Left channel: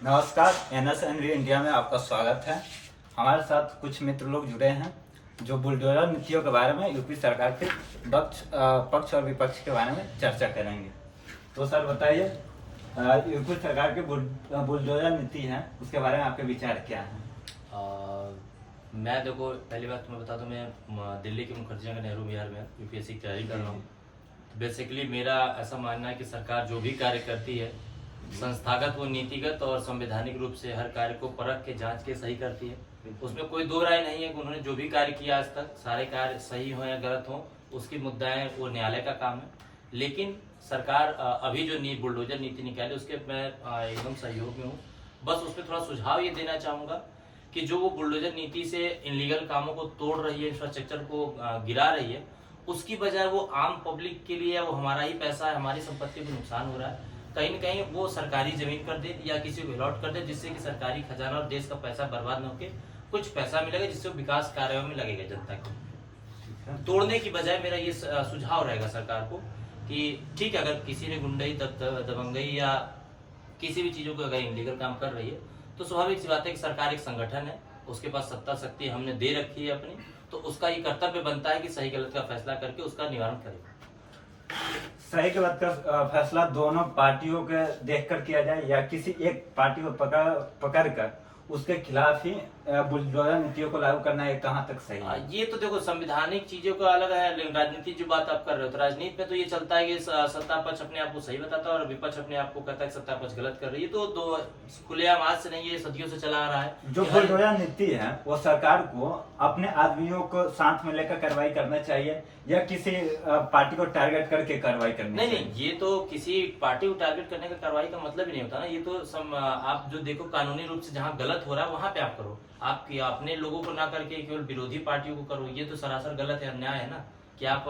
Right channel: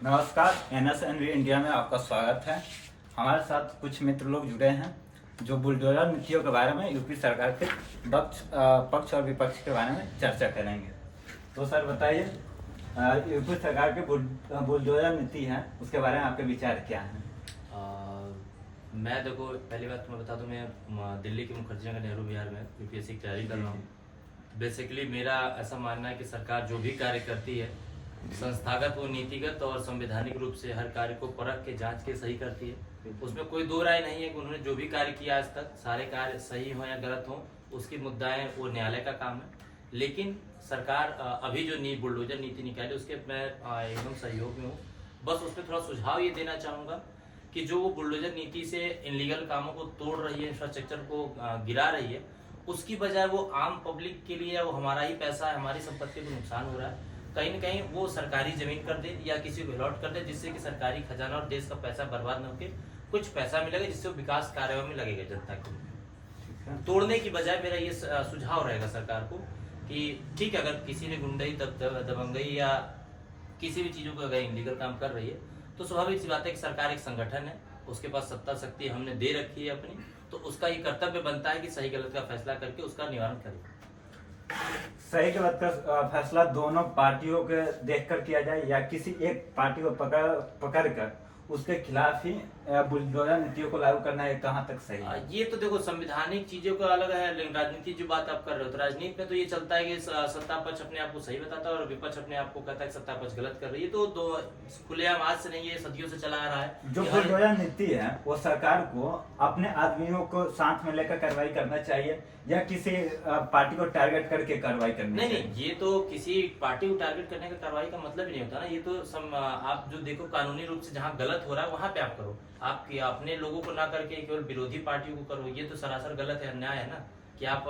नमस्कार, NSNV India में आपका स्वागत है। हमारे साथ कुछ मित्र लोग जुड़े हैं जो बुलडोजर नीतियों के बारे में यूपी सरकार के पक्ष और विपक्ष के बारे में चर्चा करेंगे। तो सर बताइए, यूपी सरकार की बुलडोजर नीति है, उसके बारे में आपके विचार क्या हैं? मैं देखो, पहली बात मैं बता दूं, मैं दिल्ली के मुखर्जी नगर नेहरू विहार में यूपीएससी की तैयारी कर रहा हूँ। बेसिकली मेरा ऐसा मानना है कि सरकार जो भी कार्य करती है, संस्थागत व नीतिगत और संवैधानिक रूप से हर कार्य को परख के जांच के सही करती है। उसमें कोई दो राय नहीं है कि उन्होंने जो भी कार्य किया आज तक, सारे कार्य सही हो या गलत हो, उसकी मुद्दाएं वो न्यायालय का काम है। लेकिन सरकार अभी जो बुलडोजर नीति निकाली, उसके मैं एकदम सहयोग में हूँ। बस उसमें थोड़ा सुझाव ये देना चाहूँगा कि जो वो बुलडोजर नीति से इनलीगल कामों को तोड़ रही है, इंफ्रास्ट्रक्चर को गिरा रही है, उसकी बजाय वो आम पब्लिक के लिए वो हमारा ही पैसा है, हमारी संपत्ति को नुकसान हो रहा है, कहीं न कहीं वो सरकारी जमीन कर दे या किसी को अलॉट कर दे, जिससे कि सरकारी खजाना और देश का पैसा बर्बाद न होके कुछ पैसा मिलेगा, जिससे विकास कार्यों में लगेगा जनता को। तोड़ने की बजाय मेरा ये सुझाव रहेगा सरकार को कि ठीक है, अगर किसी ने गुंडई दबंगई या किसी भी चीजों को अगर इनलीगल काम कर रही है, तो स्वाभाविक सी बात है कि सरकार एक संगठन है, उसके पास सत्ता शक्ति हमने दे रखी है अपनी, तो उसका ये कर्तव्य बनता है कि सही गलत का फैसला करके उसका निवारण करे। सही गलत का फैसला दोनों पार्टियों के देखकर किया जाए या किसी एक पार्टी को पकड़ कर उसके खिलाफ ही बुलडोजर नीतियों को लागू करना है, कहाँ तक सही है? ये तो देखो, संवैधानिक चीजों का अलग है, लेकिन राजनीति जो बात आप कर रहे हो, तो राजनीति में तो ये चलता है कि सत्ता पक्ष अपने आप को सही बताता है और विपक्ष अपने आप को कहता है कि सत्ता पक्ष गलत कर रही है। तो दो खुलेआम आज से नहीं, ये सदियों से चला आ रहा है। जो बुलडोजर नीति है वो सरकार को अपने आदमियों को साथ में लेकर कार्रवाई करना चाहिए या किसी पार्टी को टारगेट करके कार्रवाई करनी चाहिए? नहीं, ये तो किसी पार्टी को टारगेट करने का कार्रवाई का मतलब ही नहीं होता ना। ये तो आप जो देखो, कानूनी रूप से जहाँ गलत हो रहा है वहां पे आप करो। आप अपने लोगों को ना करके केवल विरोधी पार्टियों को करो, ये तो सरासर गलत है, अन्याय है ना। कि आप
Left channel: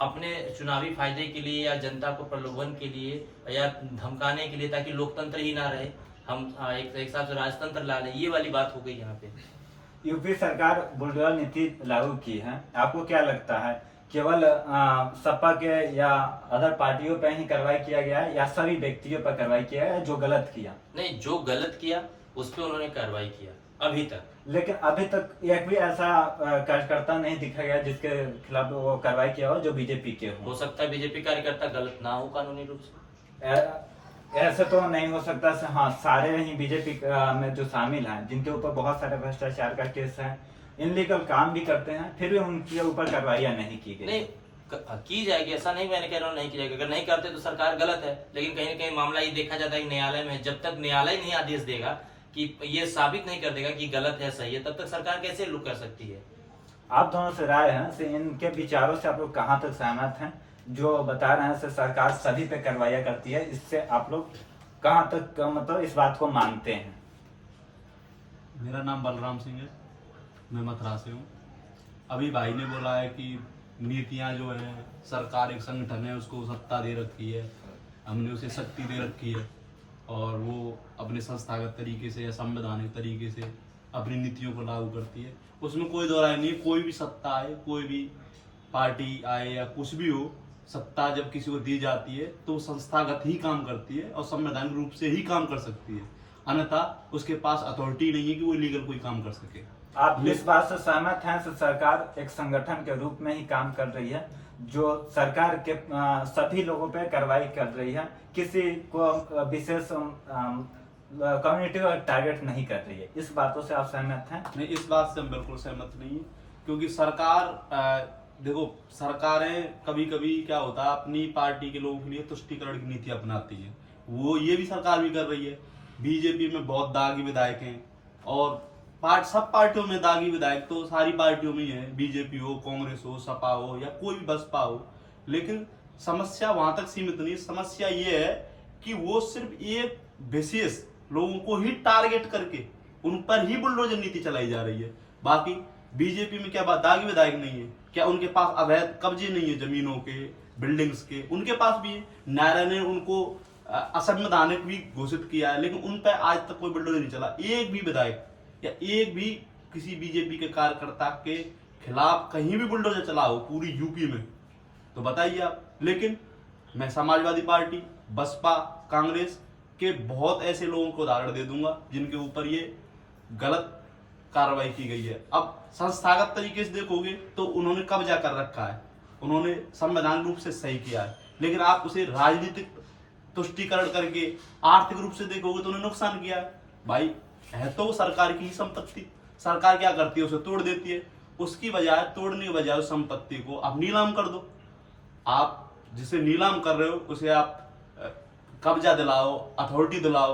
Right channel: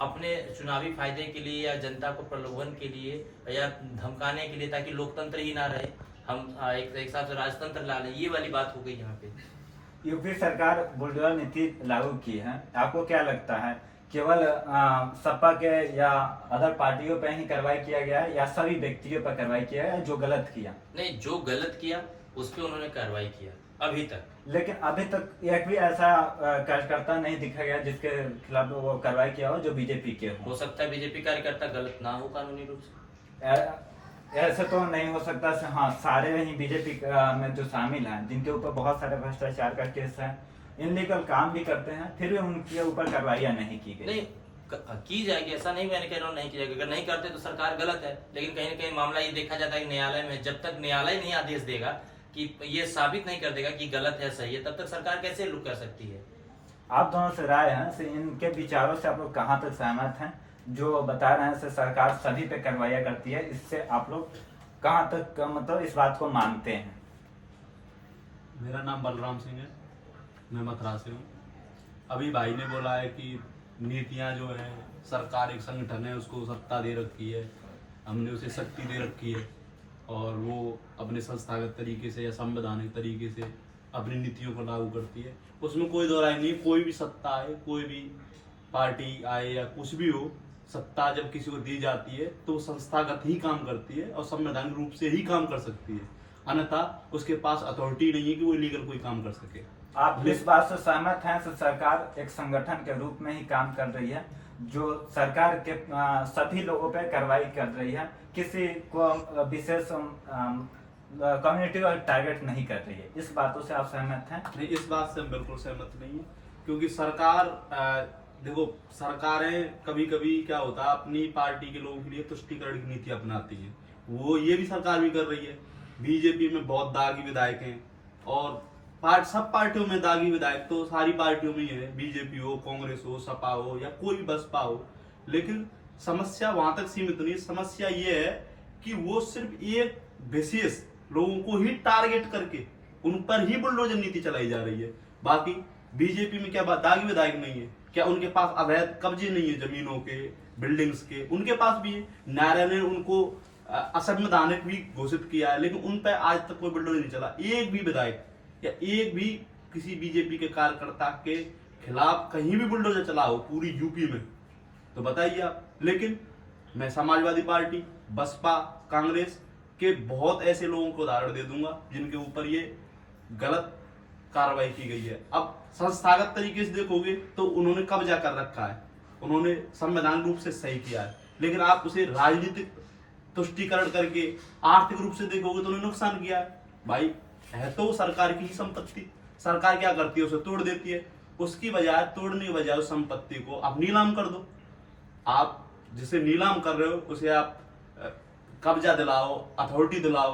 अपने चुनावी फायदे के लिए या जनता को प्रलोभन के लिए या धमकाने के लिए, ताकि लोकतंत्र ही ना रहे, हम एक हिसाब से राजतंत्र ला लें, ये वाली बात हो गई यहाँ पे। यूपी सरकार बुलडोजर नीति लागू की है, आपको क्या लगता है केवल सपा के या अदर पार्टियों पर ही कार्रवाई किया गया है या सभी व्यक्तियों पर कार्रवाई किया है जो गलत किया? नहीं, जो गलत किया उस पर उन्होंने कार्रवाई किया अभी तक। लेकिन अभी तक एक भी ऐसा कार्यकर्ता नहीं दिखा गया जिसके खिलाफ वो कार्रवाई किया हो जो बीजेपी के हो सकता है बीजेपी कार्यकर्ता गलत ना हो कानूनी रूप से। ऐसे तो नहीं हो सकता। हाँ, सारे ही बीजेपी में जो शामिल हैं, जिनके ऊपर बहुत सारे भ्रष्टाचार का केस है, इनलीगल काम भी करते हैं, फिर भी उनके ऊपर कार्रवाइयां नहीं की गई। नहीं, की जाएगी, ऐसा नहीं मैंने कह रहा हूँ नहीं की जाएगी। अगर नहीं करते तो सरकार गलत है, लेकिन कहीं ना कहीं मामला ये देखा जाता है कि न्यायालय में, जब तक न्यायालय नहीं आदेश देगा कि ये साबित नहीं कर देगा कि गलत है सही है, तब तक सरकार कैसे लुक कर सकती है? आप दोनों से राय है, से इनके विचारों से आप लोग कहाँ तक सहमत हैं? जो बता रहे हैं से सरकार सभी पे कार्रवाई करती है, इससे आप लोग कहाँ तक मतलब इस बात को मानते हैं? मेरा नाम बलराम सिंह है, मैं मथुरा से हूँ। अभी भाई ने बोला है कि नीतियाँ जो है, सरकार एक संगठन है, उसको सत्ता दे रखी है, हमने उसे शक्ति दे रखी है और वो अपने संस्थागत तरीके से या संवैधानिक तरीके से अपनी नीतियों को लागू करती है। उसमें कोई दो राय नहीं। कोई भी सत्ता आए, कोई भी पार्टी आए या कुछ भी हो, सत्ता जब किसी को दी जाती है तो संस्थागत ही काम करती है और संवैधानिक रूप से ही काम कर सकती है, अन्यथा उसके पास अथॉरिटी नहीं है कि वो इलीगल कोई काम कर सके। आप इस बात से सहमत हैं कि सरकार एक संगठन के रूप में ही काम कर रही है, जो सरकार के सभी लोगों पे कार्रवाई कर रही है, किसी को विशेष कम्युनिटी को टारगेट नहीं कर रही है? इस बातों से आप सहमत हैं? नहीं, इस बात से हम बिल्कुल सहमत नहीं है, क्योंकि सरकार देखो, सरकारें कभी कभी क्या होता है, अपनी पार्टी के लोगों के लिए तुष्टीकरण की नीति अपनाती है। वो ये भी सरकार भी कर रही है। बीजेपी में बहुत दागी विधायक हैं और सब पार्टियों में दागी विधायक तो सारी पार्टियों में ही है, बीजेपी हो, कांग्रेस हो, सपा हो या कोई भी बसपा हो। लेकिन समस्या वहां तक सीमित नहीं। समस्या ये है कि वो सिर्फ एक विशेष लोगों को ही टारगेट करके उन पर ही बुलडोजर नीति चलाई जा रही है। बाकी बीजेपी में क्या बात दागी विधायक नहीं है? क्या उनके पास अवैध कब्जे नहीं है जमीनों के, बिल्डिंग्स के? उनके पास भी है। न्यायालय ने उनको असंवैधानिक भी घोषित किया है, लेकिन उन पर आज तक कोई बुलडोजर नहीं चला। एक भी विधायक या एक भी किसी बीजेपी के कार्यकर्ता के खिलाफ कहीं भी बुलडोजर चला हो पूरी यूपी में तो बताइए आप। लेकिन मैं समाजवादी पार्टी, बसपा, कांग्रेस कि बहुत ऐसे लोगों को उदाहरण दे दूंगा जिनके ऊपर ये गलत कार्रवाई की गई है। अब संस्थागत तरीके से देखोगे तो उन्होंने कब्जा कर रखा है, उन्होंने संवैधानिक रूप से सही किया है, लेकिन आप उसे राजनीतिक तुष्टीकरण करके आर्थिक रूप से देखोगे तो उन्हें नुकसान किया है। भाई है तो वो सरकार की ही संपत्ति, सरकार क्या करती है उसे तोड़ देती है, उसकी बजाय तोड़ने की बजाय उस संपत्ति को आप नीलाम कर दो। आप जिसे नीलाम कर रहे हो उसे आप कब्जा दिलाओ, अथॉरिटी दिलाओ,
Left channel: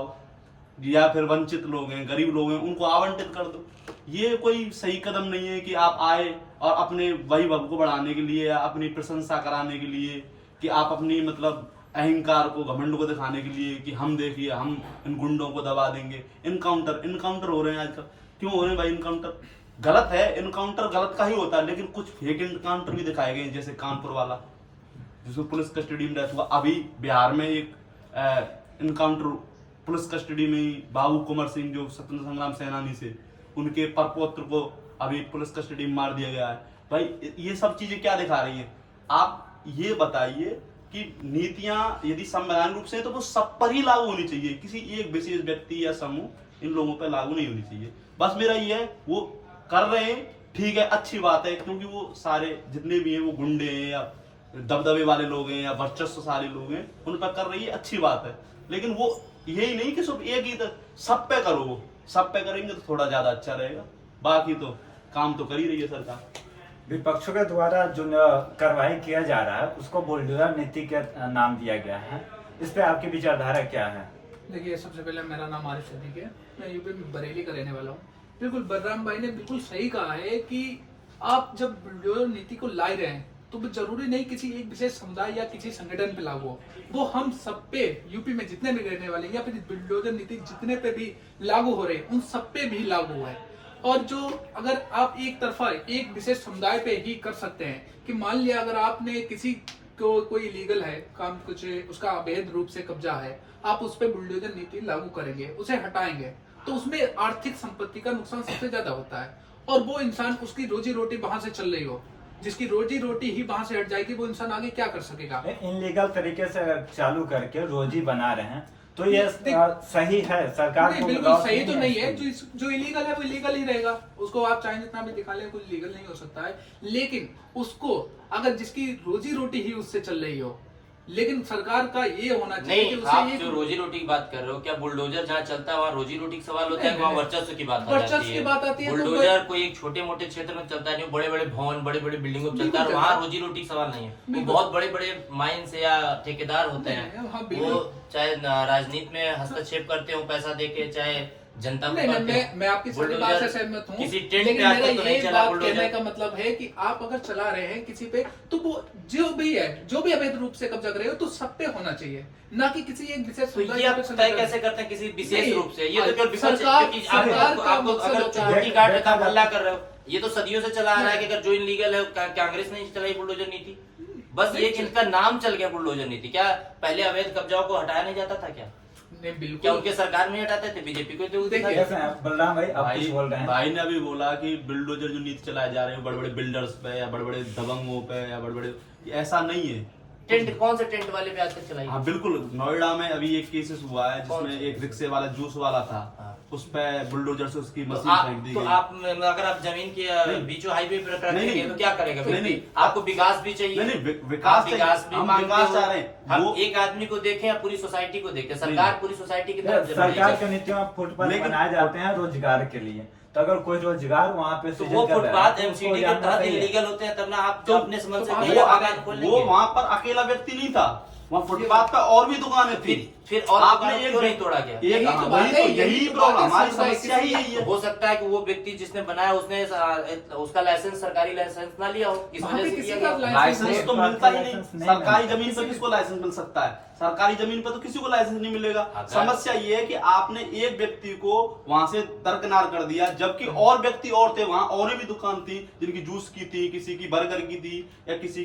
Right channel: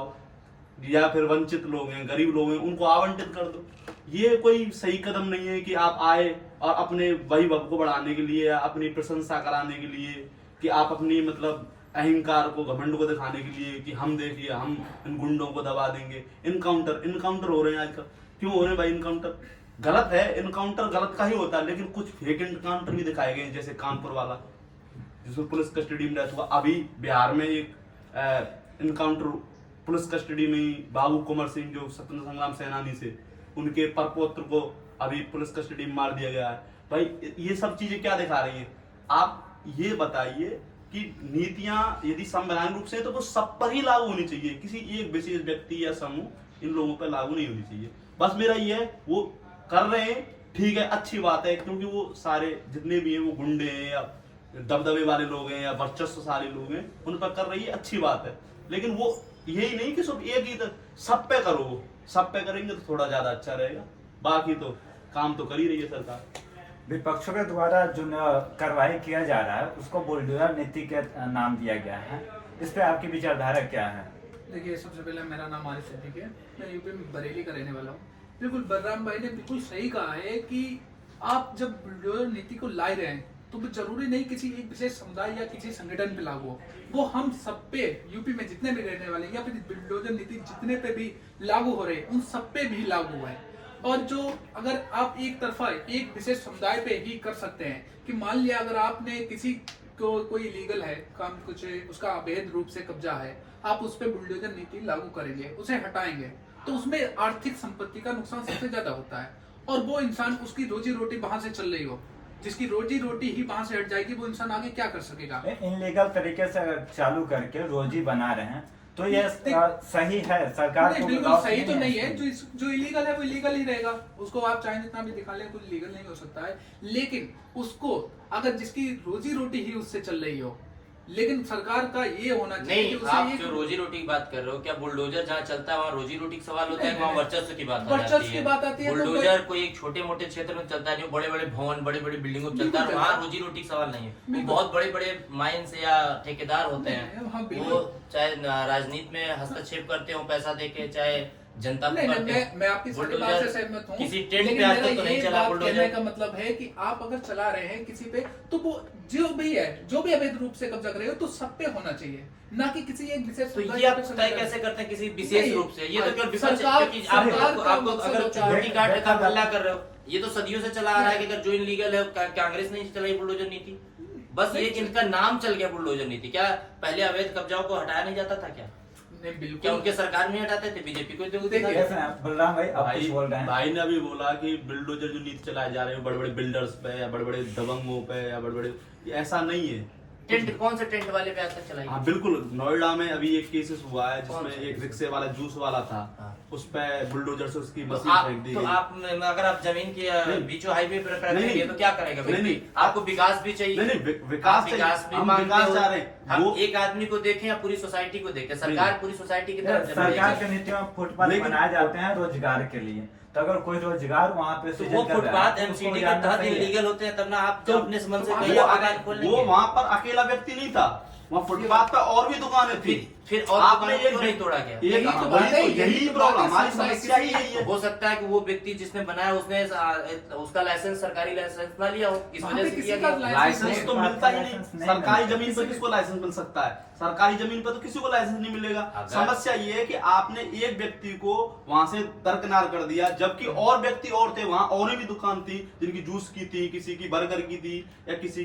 या फिर वंचित लोग हैं, गरीब लोग हैं, उनको आवंटित कर दो। ये कोई सही कदम नहीं है कि आप आए और अपने वैभव को बढ़ाने के लिए या अपनी प्रशंसा कराने के लिए, कि आप अपनी मतलब अहंकार को, घमंड को दिखाने के लिए कि हम देखिए हम इन गुंडों को दबा देंगे। इनकाउंटर हो रहे हैं आजकल। क्यों हो रहे हैं भाई इनकाउंटर? गलत है, इनकाउंटर गलत का ही होता है, लेकिन कुछ फेक इनकाउंटर भी दिखाए गए, जैसे कानपुर वाला जिसमें पुलिस कस्टडी में डेथ हुआ। अभी बिहार में एक इनकाउंटर पुलिस कस्टडी में ही बाबू कुंवर सिंह जो स्वतंत्र संग्राम सेनानी से, उनके परपौत्र को अभी पुलिस कस्टडी में मार दिया गया है। भाई ये सब चीजें क्या दिखा रही हैं? आप ये बताइए कि नीतियां यदि संवैधानिक रूप से तो वो सब पर ही लागू होनी चाहिए, किसी एक विशेष व्यक्ति या समूह इन लोगों पर लागू नहीं होनी चाहिए। बस मेरा ये है, वो कर रहे हैं ठीक है, अच्छी बात है, क्योंकि वो सारे जितने भी हैं वो गुंडे हैं या दबदबे वाले लोग हैं या वर्चस्वशाली लोग हैं, उन पर कर रही है, अच्छी बात है। लेकिन वो यही नहीं कि सिर्फ एक ही सब पे करो, वो सब पे करेंगे तो थोड़ा ज्यादा अच्छा रहेगा। बाकी तो काम तो कर ही रही है सरकार। विपक्षों के द्वारा जो कार्रवाई किया जा रहा है उसको बुलडोजर नीति के नाम दिया गया है, इस पे आपकी विचारधारा क्या है? देखिए, सबसे पहले मेरा नाम आरिफ सिद्दीकी है, मैं यूपी में बरेली का रहने वाला हूँ। बिल्कुल बलराम भाई ने बिल्कुल सही कहा है कि आप जब बुलडोजर नीति को ला रहे हैं तो वो जरूरी नहीं किसी एक विशेष समुदाय या किसी संगठन पे लागू हो, वो हम सब पे, यूपी में जितने भी रहने वाले या फिर बुलडोजर नीति जितने पे भी लागू हो रहे हैं उन सब पे भी लागू हुआ है। और जो अगर आप एक तरफा एक विशेष समुदाय पे ही कर सकते हैं कि मान लिया अगर आपने किसी को कोई इलीगल है काम, कुछ उसका अवैध रूप से कब्जा है, आप उस पर बुलडोजर नीति लागू करेंगे, उसे हटाएंगे, तो उसमें आर्थिक संपत्ति का नुकसान सबसे ज्यादा होता है। और वो इंसान, उसकी रोजी रोटी वहां से चल रही हो, जिसकी रोजी रोटी ही वहां से हट जाएगी, वो इंसान आगे क्या कर सकेगा? इनलीगल तरीके से अगर चालू करके रोजी बना रहे हैं तो ये सही है? सरकार नहीं, को बिल्कुल सही तो नहीं है। जो इलीगल है वो इलीगल ही रहेगा, उसको आप चाहे जितना भी दिखा लें, कुछ लीगल नहीं हो सकता है। लेकिन उसको अगर जिसकी रोजी रोटी ही उससे चल रही हो, लेकिन सरकार का ये होना चाहिए नहीं, कि उसे आप एक जो रोजी रोटी की बात कर रहे हो, क्या बुलडोजर जहाँ चलता है वहाँ रोजी रोटी का सवाल होता है? वहाँ वर्चस्व की बात आ जाती है। बुलडोजर कोई एक छोटे मोटे क्षेत्र में चलता है, जो बड़े बड़े भवन, बड़ी बड़ी बिल्डिंगों में चलता है, वहाँ रोजी रोटी का सवाल नहीं है। वो बहुत बड़े बड़े माइंस या ठेकेदार होते हैं, वो चाहे राजनीति में हस्तक्षेप करते हो पैसा देके, चाहे जनता को करते हैं। मैं आपकी सारी बात से सहमत हूँ, किसी टेंट लेकिन पे आज मेरा तक तो नहीं ये चला बात बुलडोजर। कहने का मतलब है कि आप अगर चला रहे हैं किसी पे, तो वो जो भी है, जो भी अवैध रूप से कब्जा कर रहे हो, तो सब पे होना चाहिए, ना कि किसी एक विशेष तो समुदाय ये आप पे तय कैसे करते हैं किसी विशेष नहीं, रूप से? ये तो केवल विपक्ष, सरकार- क्योंकि सरकार का आपको मकसद अगर होता है- चुटकी काट रहे आप हल्ला कर रहे हो, ये तो सदियों से चला आ रहा है कि अगर जो इनलीगल है कांग्रेस ने चलाई बुलडोजर नीति। बस ये कि इनका नाम चल गया बुलडोजर नीति। क्या पहले अवैध कब्जाओं को हटाया नहीं जाता था? क्या नहीं, बिल्कुल। क्या उनके सरकार में हटाते थे? बीजेपी को तो देखिए, बलराम भाई आप कुछ बोल रहे हैं? भाई ने अभी बोला कि बुलडोजर जो नीति चलाए जा रहे हैं बड़े बड़े बिल्डर्स पे या बड़े बड़े दबंगों पे या बड़े बड़े, ऐसा नहीं है। टेंट, कौन से टेंट वाले पे आज तक चलाई? हाँ बिल्कुल, नोएडा में अभी एक केसेस हुआ है कौन जिसमें सा? एक रिक्शे वाला जूस वाला था, हाँ। उस पे बुलडोजर से उसकी तो मशीन फेंक दी तो गई। आप अगर आप जमीन की बीचों हाईवे पर नहीं, रखेंगे तो क्या करेगा? नहीं, नहीं। आपको विकास भी चाहिए। नहीं, नहीं, आप विकास विकास भी हम मांगते विकास हो। चाह रहे हैं। हम वो एक आदमी को देखें या पूरी सोसाइटी को देखें? सरकार पूरी सोसाइटी की तरफ सरकार के नीतियों में फुटपाथ लेकिन- बनाए जाते हैं रोजगार के लिए, तो अगर कोई रोजगार वहाँ पे तो सृजन वो कर रहा है, फुटपाथ तो उसको एमसीडी के जानना तहत चाहिए। इलीगल होते हैं, तब ना आप तो- अपने समझ से तो कहिए वो आप दुकान खोल वो लेंगे। वहाँ पर अकेला व्यक्ति नहीं था, वहाँ फुटपाथ पे और भी दुकानें थी। फिर और आपने दुकानों को क्यों नहीं तोड़ा गया? एक यही तो वही बात है, तो यही यही तो प्रॉब्लम, बात है, हमारी समुदाय समस्या ही की- यही है। हो सकता है कि वो व्यक्ति जिसने बनाया उसने उसका लाइसेंस, सरकारी लाइसेंस ना लिया हो, इस वहाँ वजह पे से किसी किया का गया। लाइसेंस तो मिलता ही नहीं, लाइसेंस नहीं सरकारी मिलता। जमीन पर किसको लाइसेंस मिल सकता है? सरकारी जमीन पर तो किसी को लाइसेंस नहीं मिलेगा। अगर- समस्या ये है कि आपने एक व्यक्ति को वहां से दरकिनार कर दिया, जबकि और व्यक्ति और थे वहां, और भी दुकान थी जिनकी जूस की थी, किसी की बर्गर की थी, या किसी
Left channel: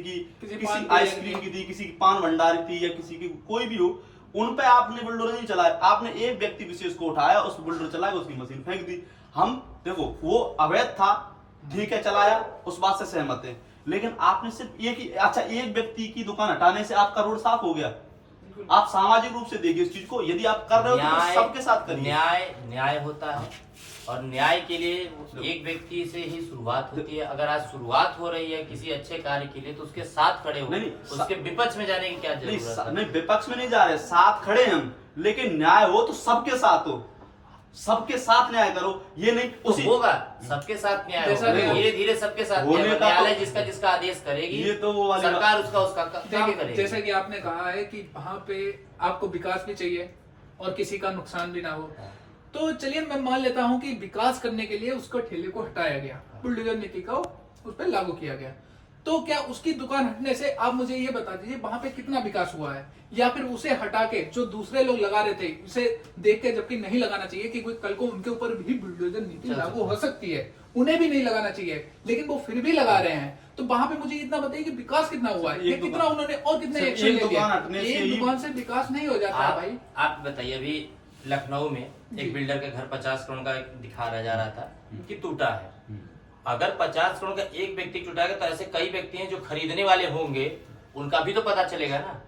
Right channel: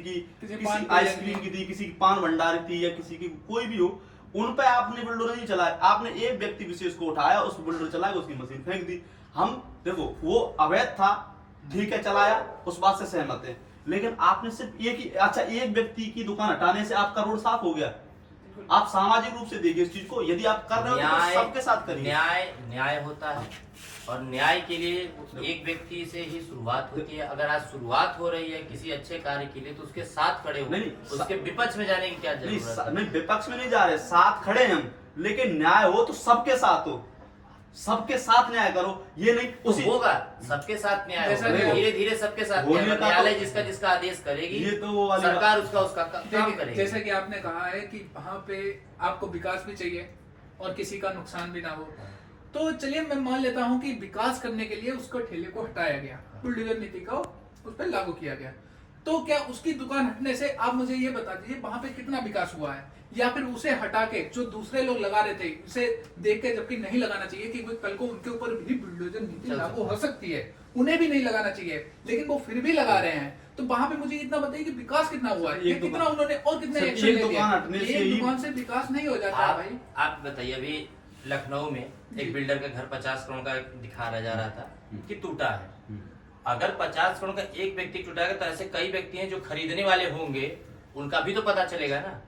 पान आइसक्रीम की थी, किसी की पान भंडारी थी, या किसी की कोई भी हो, उन पे आपने बुलडोजर नहीं चलाया। आपने एक व्यक्ति विशेष को उठाया, उस बुलडोजर चलाया, उसकी मशीन फेंक दी। हम देखो वो अवैध था, ठीक है, चलाया, उस बात से सहमत है, लेकिन आपने सिर्फ एक ही, अच्छा एक व्यक्ति की दुकान हटाने से आपका रोड साफ हो गया? आप सामाजिक रूप से देखिए इस चीज को, यदि आप कर रहे हो तो सबके साथ करिए। न्याय होता है, और न्याय के लिए एक व्यक्ति से ही शुरुआत होती है। अगर आज शुरुआत हो रही है किसी अच्छे कार्य के लिए तो उसके साथ खड़े हो, नहीं, उसके विपक्ष में जाने की क्या जरूरत है? नहीं, विपक्ष में नहीं जा रहे, साथ खड़े हैं हम, लेकिन न्याय हो तो सबके साथ हो, सबके साथ न्याय करो। ये नहीं तो होगा सबके साथ न्याय जैसा होगा, कि- धीरे धीरे सबके साथ होने न्याय होगा। का तो- न्यायालय जिसका जिसका आदेश करेगी, ये तो वो वाली सरकार उसका उसका काम देखिए, करेगी। जैसे कि आपने कहा है कि वहाँ पे आपको विकास भी चाहिए और किसी का नुकसान भी ना हो, तो चलिए मैं मान लेता हूँ कि विकास करने के लिए उसको ठेले को हटाया गया, बुलडोजर नीति को उस पर लागू किया गया, तो क्या उसकी दुकान हटने से आप मुझे ये बता दीजिए वहां पे कितना विकास हुआ है? या फिर उसे हटा के जो दूसरे लोग लगा रहे थे उसे देख के, जबकि नहीं लगाना चाहिए कि कोई कल को उनके ऊपर भी बुलडोजर नीति लागू हो सकती है, उन्हें भी नहीं लगाना चाहिए, लेकिन वो फिर भी लगा रहे हैं। तो वहां पे मुझे इतना बताइए कि विकास कितना हुआ है, ये कितना उन्होंने और कितने सिर्फ एक्शन एक ले दुकान लिया? हटने से एक ही- दुकान से विकास नहीं हो जाता है भाई। आप बताइए, अभी लखनऊ में जी। एक बिल्डर का घर 50 करोड़ का दिखा रहा जा रहा था कि टूटा है। अगर 50 करोड़ का एक व्यक्ति टूटाएगा तो ऐसे कई व्यक्ति हैं जो खरीदने वाले होंगे, उनका भी तो पता चलेगा ना।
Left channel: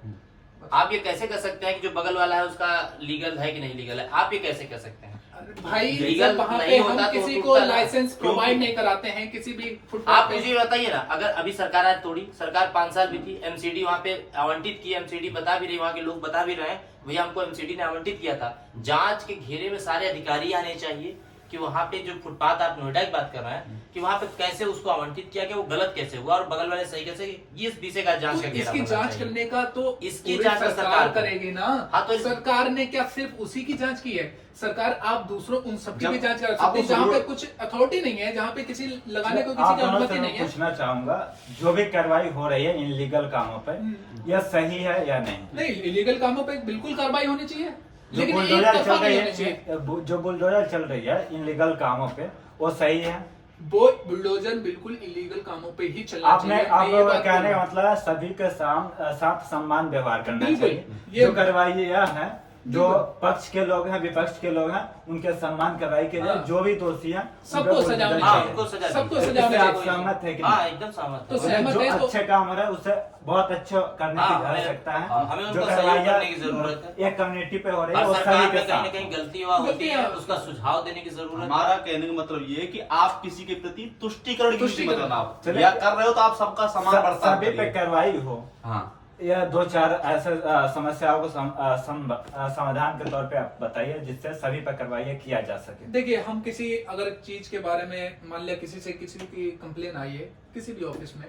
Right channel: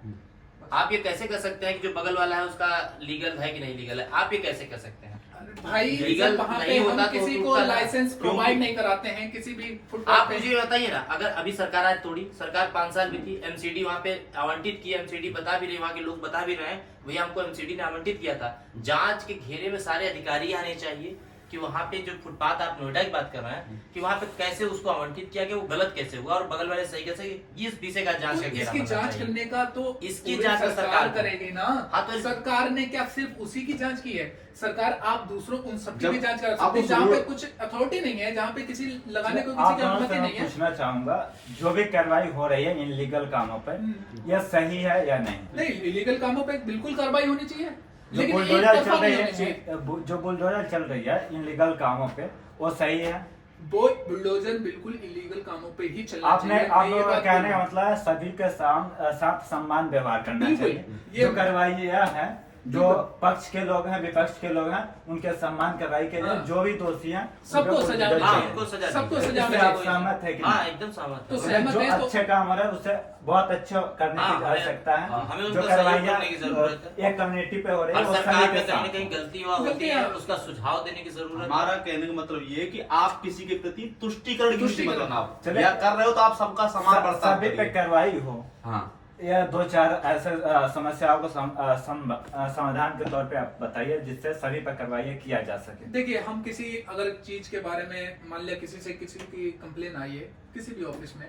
आप ये कैसे कर सकते हैं कि जो बगल वाला है उसका लीगल है कि नहीं लीगल है? आप ये कैसे कर सकते हैं? भाई लीगल वहाँ पे नहीं हम होता तो किसी को टूटता ना। लाइसेंस प्रोवाइड नहीं कराते हैं किसी भी फुटपाथ आप पे। मुझे बताइए ना, अगर अभी सरकार आज तोड़ी, सरकार 5 साल भी थी, एमसीडी वहाँ पे आवंटित की, एमसीडी बता भी रही, वहाँ के लोग बता भी रहे हैं भैया हमको एमसीडी ने आवंटित किया था। जांच के घेरे में सारे अधिकारी आने चाहिए कि वहाँ पे जो फुटपाथ, आप नोएडा की बात कर रहे हैं, कि वहाँ पे कैसे उसको आवंटित किया गया, वो गलत कैसे हुआ और बगल वाले सही कैसे, ये इस विषय का जांच का तो घेरा इसकी बनना जांच चाहिए। करने का तो इसकी पूरी जांच तो सरकार करेगी ना। हाँ, तो सरकार ने क्या सिर्फ उसी की जांच की है? सरकार आप दूसरों उन सबकी जब भी जांच कर आप सकते हैं उस जहाँ पे रोड- कुछ अथॉरिटी नहीं है, जहाँ पे किसी लगाने को आप किसी की दोनों अनुमति से नहीं मैं है। पूछना चाहूंगा, जो भी कार्रवाई हो रही है इनलीगल कामों पर, यह सही है या नहीं? नहीं, इलीगल कामों पे बिल्कुल कार्रवाई होनी चाहिए, जो लेकिन एक बुलडोजर तरफा चल नहीं रही होनी चाहिए। है, जो बुलडोजर चल रही है इनलीगल कामों पे, वो सही है? वो बुलडोजर बिल्कुल इलीगल कामों पे ही चलना आपने चाहिए। आप मैं ये लोगों का बात कहने बोल रहा का हूं। मतलब है सभी के साथ सम्मान व्यवहार करना बिल्कुल, चाहिए। ये जो कार्रवाई यह है, जो बिल्कुल। पक्ष के लोग हैं, विपक्ष के लोग हैं, उनके सम्मान कार्रवाई के लिए हाँ। जो भी दोषी हैं सबको उनको सजा बुलडोजर मिलनी हाँ, चाहिए। उनको सजा सबको दी सजा जाए। इससे मिलनी आप चाहिए। सहमत है कि हाँ, नहीं? एकदम सहमत तो है। सहमत जो है तो- अच्छे काम हो रहे हैं उसे बहुत अच्छे करने हाँ, की हमें- आवश्यकता है। हाँ, हमें जो उनको सहयोग कार्रवाइयाँ करने की जरूरत है। एक कम्युनिटी पे हो रही है, और वो सरकार सभी के में कहीं ना साथ कहीं गलती हुआ होती है, गलतियाँ- उसका सुझाव देने की जरूरत है। हमारा कहने का मतलब ये है कि आप किसी के प्रति तुष्टिकरण की नीति मत तुष्टिकरण। बनाओ। चलिए। या कर रहे हो तो आप सबका समान बर्ताव सभी पे करिए। कार्रवाई हो, हाँ, या दो चार ऐसे समस्याओं को समाधान के तौर पे आप बताइए जिससे सभी पर कार्रवाई किया जा सके। देखिए, हम किसी अगर चीज के बारे में मान लिया किसी से किसी की कंप्लेन आई है किसी भी ऑफिस में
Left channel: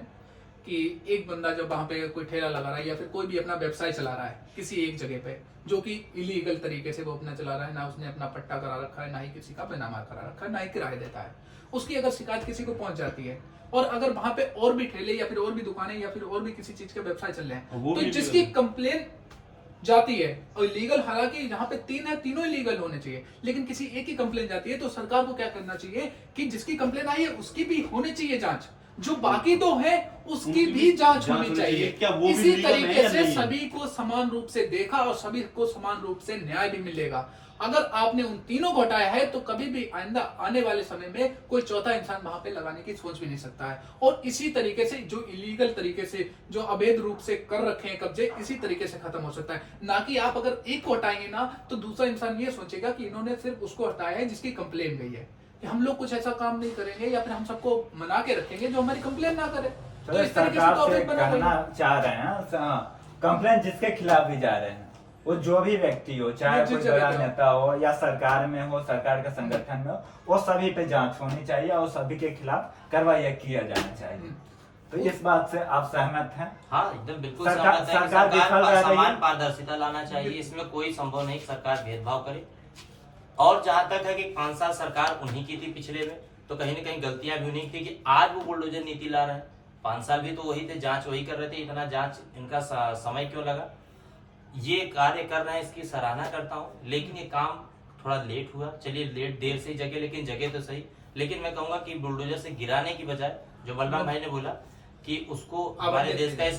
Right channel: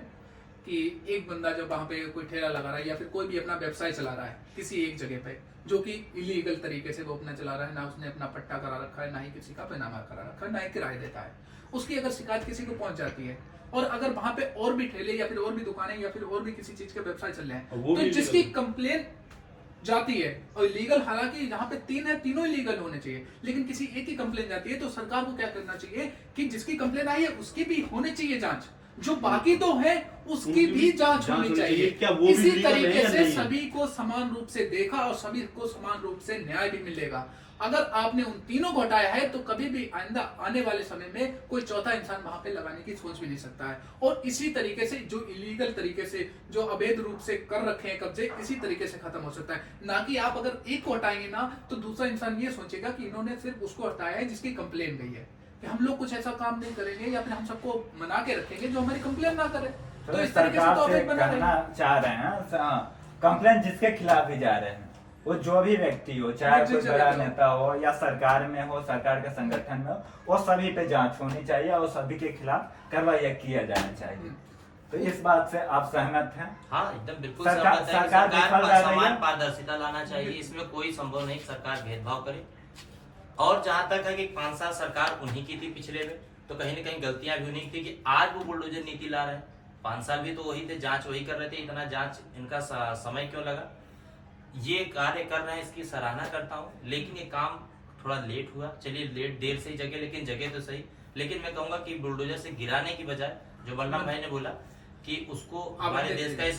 कि एक बंदा जब वहां पे कोई ठेला लगा रहा है या फिर कोई भी अपना व्यवसाय चला रहा है किसी एक जगह पे, जो कि इलीगल तरीके से वो अपना चला रहा है, ना उसने अपना पट्टा करा रखा है, ना ही किसी का पैनामा करा रखा है, ना ही किराया देता है, उसकी अगर शिकायत किसी को पहुंच जाती है और अगर वहां पे और भी ठेले या फिर और भी दुकानें या फिर और भी किसी चीज के व्यवसाय चल रहे हैं, वो तो भी जिसकी illegal है। कंप्लेन जाती है और लीगल, हालांकि जहां पे 3 है तीनों लीगल होने चाहिए, लेकिन किसी एक ही कंप्लेन जाती है तो सरकार को क्या करना चाहिए कि जिसकी कंप्लेन आई है उसकी भी होनी चाहिए जांच, जो बाकी तो है उसकी उनकी भी भी जांच जांच होनी होनी चाहिए। चाहिए। क्या वो भी इसी legal है तरीके या से नहीं है? सभी को समान रूप से देखा और सभी को समान रूप से न्याय भी मिलेगा। अगर आपने उन तीनों को हटाया है तो कभी भी आइंदा आने वाले समय में कोई चौथा इंसान वहां पे लगाने की सोच भी नहीं सकता है। और इसी तरीके से जो इलीगल तरीके से जो अवैध रूप से कर रखे हैं कब्जे, इसी तरीके से खत्म हो सकता है। ना कि आप अगर एक को हटाएंगे ना तो दूसरा इंसान ये सोचेगा कि इन्होंने सिर्फ उसको हटाया है जिसकी कंप्लेन गई है, कि हम लोग कुछ ऐसा काम नहीं करेंगे या फिर हम सबको मना के रखेंगे जो हमारी कंप्लेन ना करे। तो इस तरीके से सरकार तो से अवैध बना कहना रहेगा। चाह रहे हैं, कंप्लेन जिसके खिलाफ भी जा रहे हैं, वो जो भी व्यक्ति हो, चाहे जिस कोई जगह बड़ा पे हो। नेता हो या सरकार में हो, सरकार के संगठन में हो, वो सभी पे जांच होनी चाहिए और सभी के खिलाफ कार्रवाई किया जाना चाहिए। तो इस बात से आप सहमत हैं? हाँ, एकदम बिल्कुल सरकार- सहमत है कि सरकार विफल सरकार रह रही समान है। पारदर्शिता लाना चाहिए, इसमें कोई संभव नहीं कि सरकार भेदभाव करे। और जहां तक है कि 5 साल सरकार उन्हीं की थी पिछले में, तो कहीं न कहीं गलतियां भी उन्हीं की कि आज वो बुलडोजर नीति ला रहे हैं। 5 साल भी तो वही थे, जांच वही कर रहे थे, इतना जांच इनका समय क्यों लगा? ये कार्य कर रहे हैं, इसकी सराहना करता हूँ, लेकिन ये काम थोड़ा लेट हुआ। चलिए, लेट देर से ही जगह, लेकिन जगह तो सही। लेकिन मैं कहूंगा कि बुलडोजर से गिराने की बजाय, जो बलराम भाई ने बोला कि उसको हमारे देश का ही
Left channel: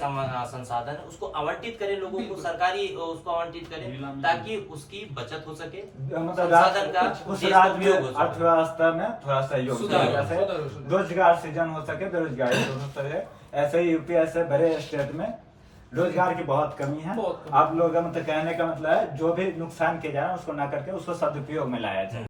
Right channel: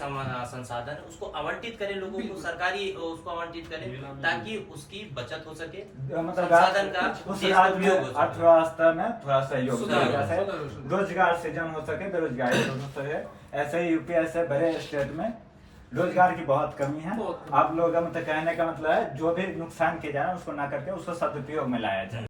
संसाधन है, उसको आवंटित करें, लोगों को सरकारी उसको आवंटित करें ताकि उसकी बचत हो सके, मतलब संसाधन का उस देश का राज्य उपयोग हो सके। अर्थव्यवस्था में थोड़ा सहयोग सुधार किया हो, जाए, सुधार हो, सुधार। रोजगार सृजन हो सके, बेरोजगारी दूर हो सके। ऐसे ही यूपी ऐसे बड़े स्टेट में रोजगार की बहुत कमी है। बहुत कमी। आप लोगों का मतलब कहने का मतलब है जो भी नुकसान किया जा रहा है उसको ना करके उसको सदुपयोग में लाया जाए।